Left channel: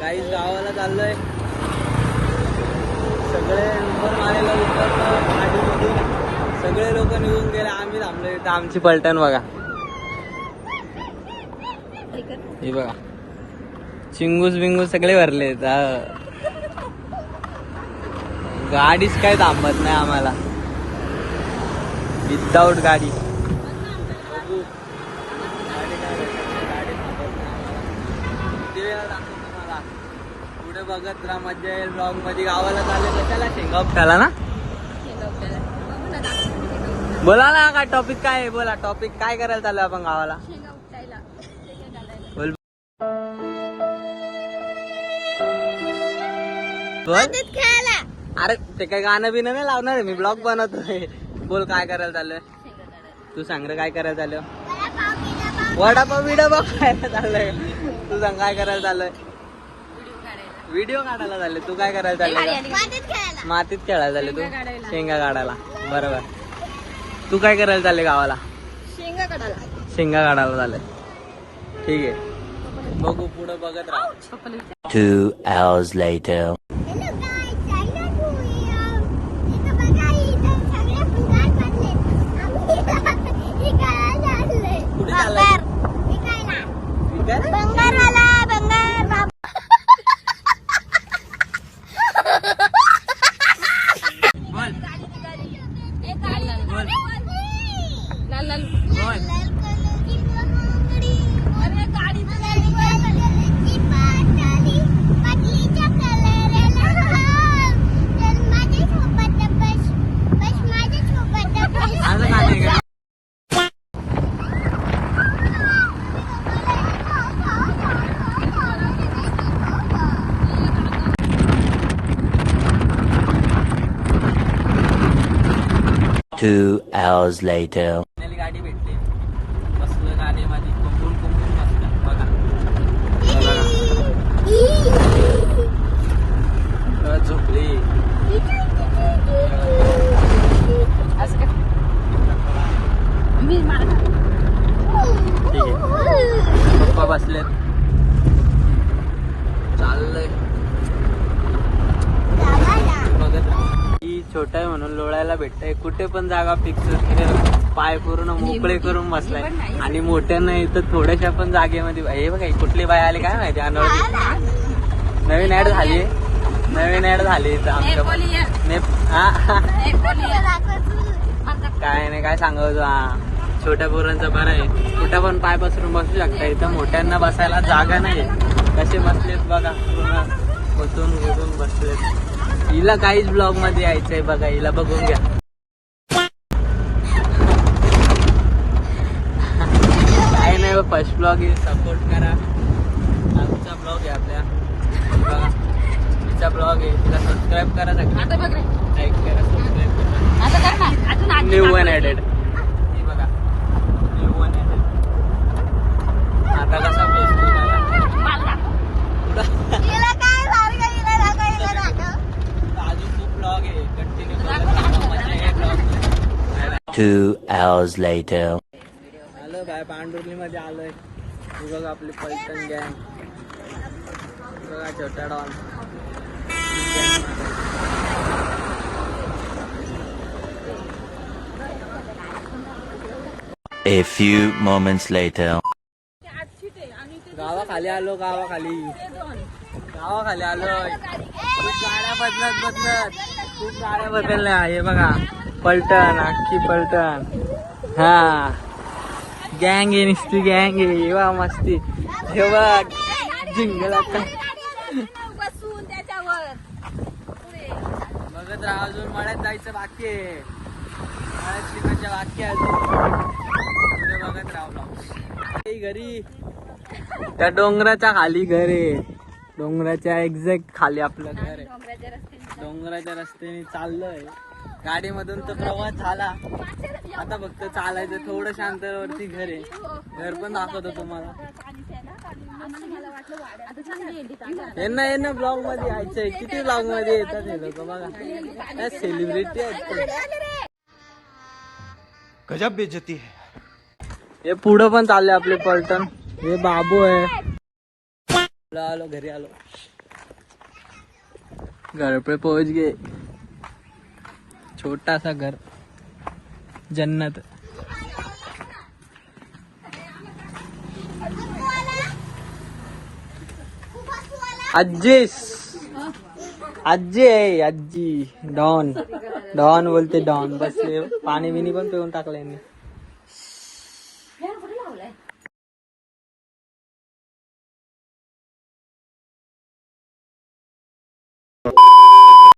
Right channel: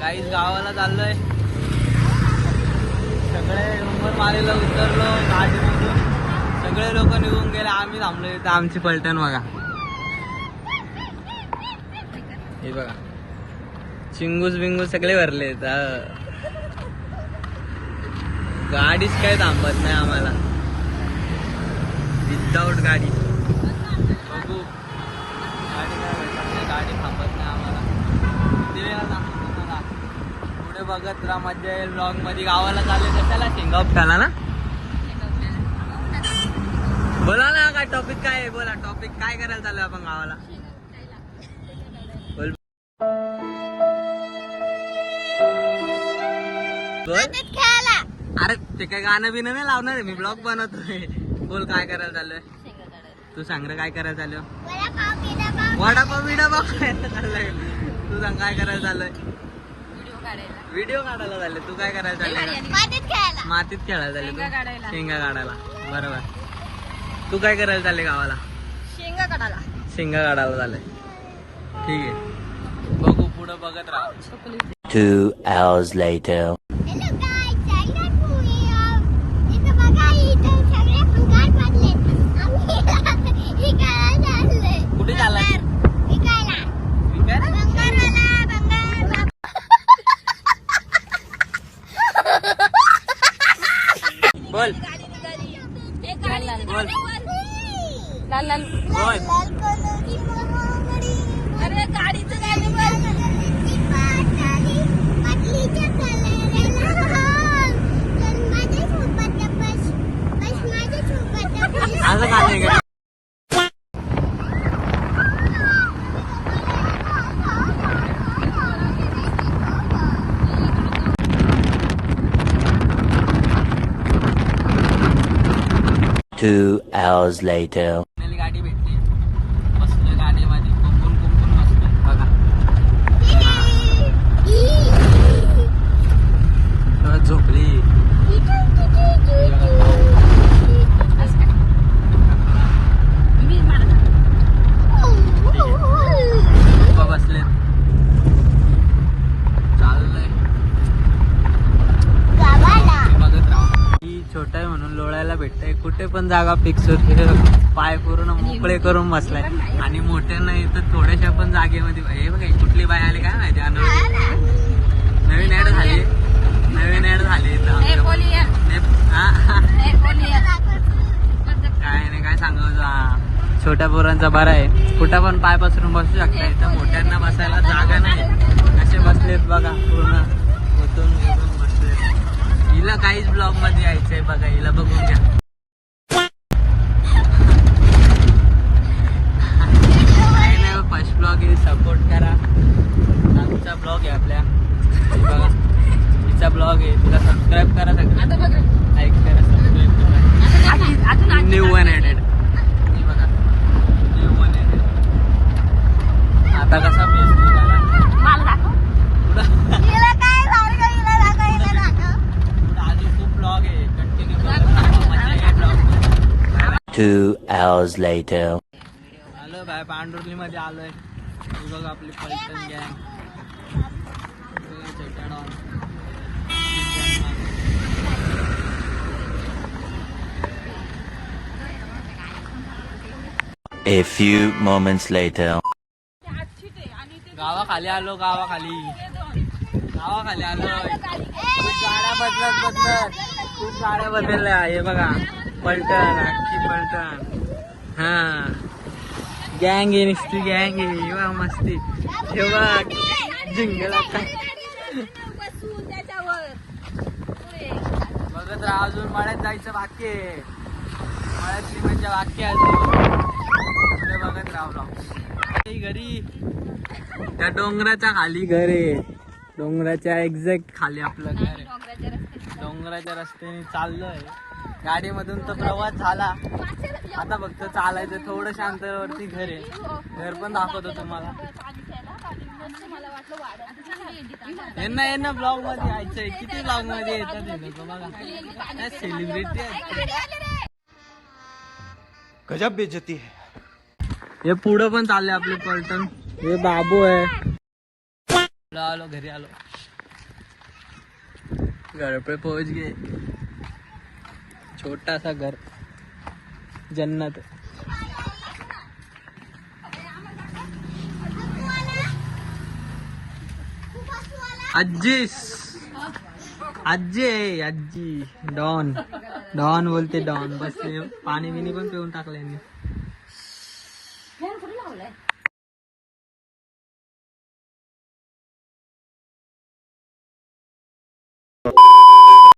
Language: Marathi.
काही गावाला चाललोय. सगळे नंबर मारायला उतरलो गाडीमधून. सगळे लोक निघून गेले. आम्ही थांबलो इथं. आमची पलटण बघा. हे बघा चिंगूस बिंगूस सगळे भरले. गाडीच काय थांबत नाही आम्हाला. विदाऊट गाडी बघू. गाडी थांबत नाही आम्हाला. ते दाखवतो मला. पुढे बघत राहा, मजा येईल. ब्लॉग मध्ये गावाला चालले कशाला? शेंगावट्याला ना. बोला ना काय टॉपिक काय आहे? बोला टॉपिक काय करायला चालू आपण गावाला? अरे ते काय गाणं बिणं नाही लावणार आहे. मी ब्लॉग बनवतोय. बोल काय करायला चाललंय? तू सांग रे काय करायला चाललं? वडापाव बिडापाव खायला चाललंय. तू सांग काय करायला चाललंय? व्हिडिओ काढायला चालले. तू काय करायला चाललंय? का मातीत खेळायला चालले? तू शेंगा काढायला. बरोबर. तू काय करायला चालले गावाला? शेंगा काढायला चाललंय. ठीक आहे बघू पुढं बघत राहा. 2 hours later. कुठे चाललाय? बोल बोल बोल. Two hours later. गाडी भेटते. बसलो गाडीमध्ये. कुंपून बसलो. बघा झोपली. पप्पा बसलेत. चाललंय बघत राहा. छोटा आहे म्हणून लोळायला भेटतंय. कुठे पण जागा फिक्स होते. पाय पूर्ण मोकळे करून बसलाय. आणि मोठ्या नाही तर थोड्याशा पण जागेमध्ये. हे बघा कुठली बाय आली काय माहिती. नवीन ऍड झाली. इथं आमच्या काय नाही काय सांगायचं. हा छोट्या पोरांचा बरा आहे. कुठं पण पाय पसरून बसू शकता. इथं मोठ्यांना बसायला जागा नाहीये. कसे बसलेत बघा. पूर्ण बसून बसलेत. हिला काहीच ब्लॉग मध्ये यायचंय बघा. हिला बघून घ्या. काही नाही फर्स्ट ब्लॉग येईल. सपोर्ट करा. आमचा ब्लॉग आहे आपल्या. तिचा ब्लॉग आहे. तिला सबस्क्राईब करा. सगळं लाईक करा. सबस्क्राईब करा. New one added. बघा न्यू वन ऍडेड. आता कसा पोहोचतो ब्लॉग आहे. Continue 2 hours later. आलो बाय पांडुर्ली मध्ये आलोय. ही बघ आपली पलटण गँग. बघा छोटा don. A few moments later. गावाखाली आलो. गावाखाली आलोय. खूप गाड्या बदलत. खूप गाड्या बदलल्या. हे बघा पलटण. आजची पलटण. हा गँग आहे. नुसती गँग आहे. वा मस्ती. हे बघ जिंगला काय बघत राहा. अजून मळ्यात जायचं बाकी आहे. मळ्याची मजा बाकी आहे. पुढे बघत राहा. घरी त्या डोंगराच्या खाली घर आहे. डोंगराच्या एक्झॅक्ट खाली आपलं घर आहे. डोंगराच्या रस्त्याने चाललोय. गाडीमधून तर प्रवास झाला. आता फक्त चालायचं. थोडं शांतवरती घर आहे. घर पण दाखवतो तुम्हाला. यांना ब्लॉग मध्ये यायचंय. किती ब्लॉग मध्ये येतात हे लोक बघा. सेलिब्रिटी आहेत. गजब बेइज्जती है. हे पुढं पण चाललंय आपले पलटण. हे बाबू आहे. आलो घरी आलो. घर पे पहुंच गए. छोटा सा घर, जन्नत. आजीस आजी आहे आजी. डॉन डॉन बोलते डॉन. बस पाणी बिनी पण पिऊन टाकलं यांनी.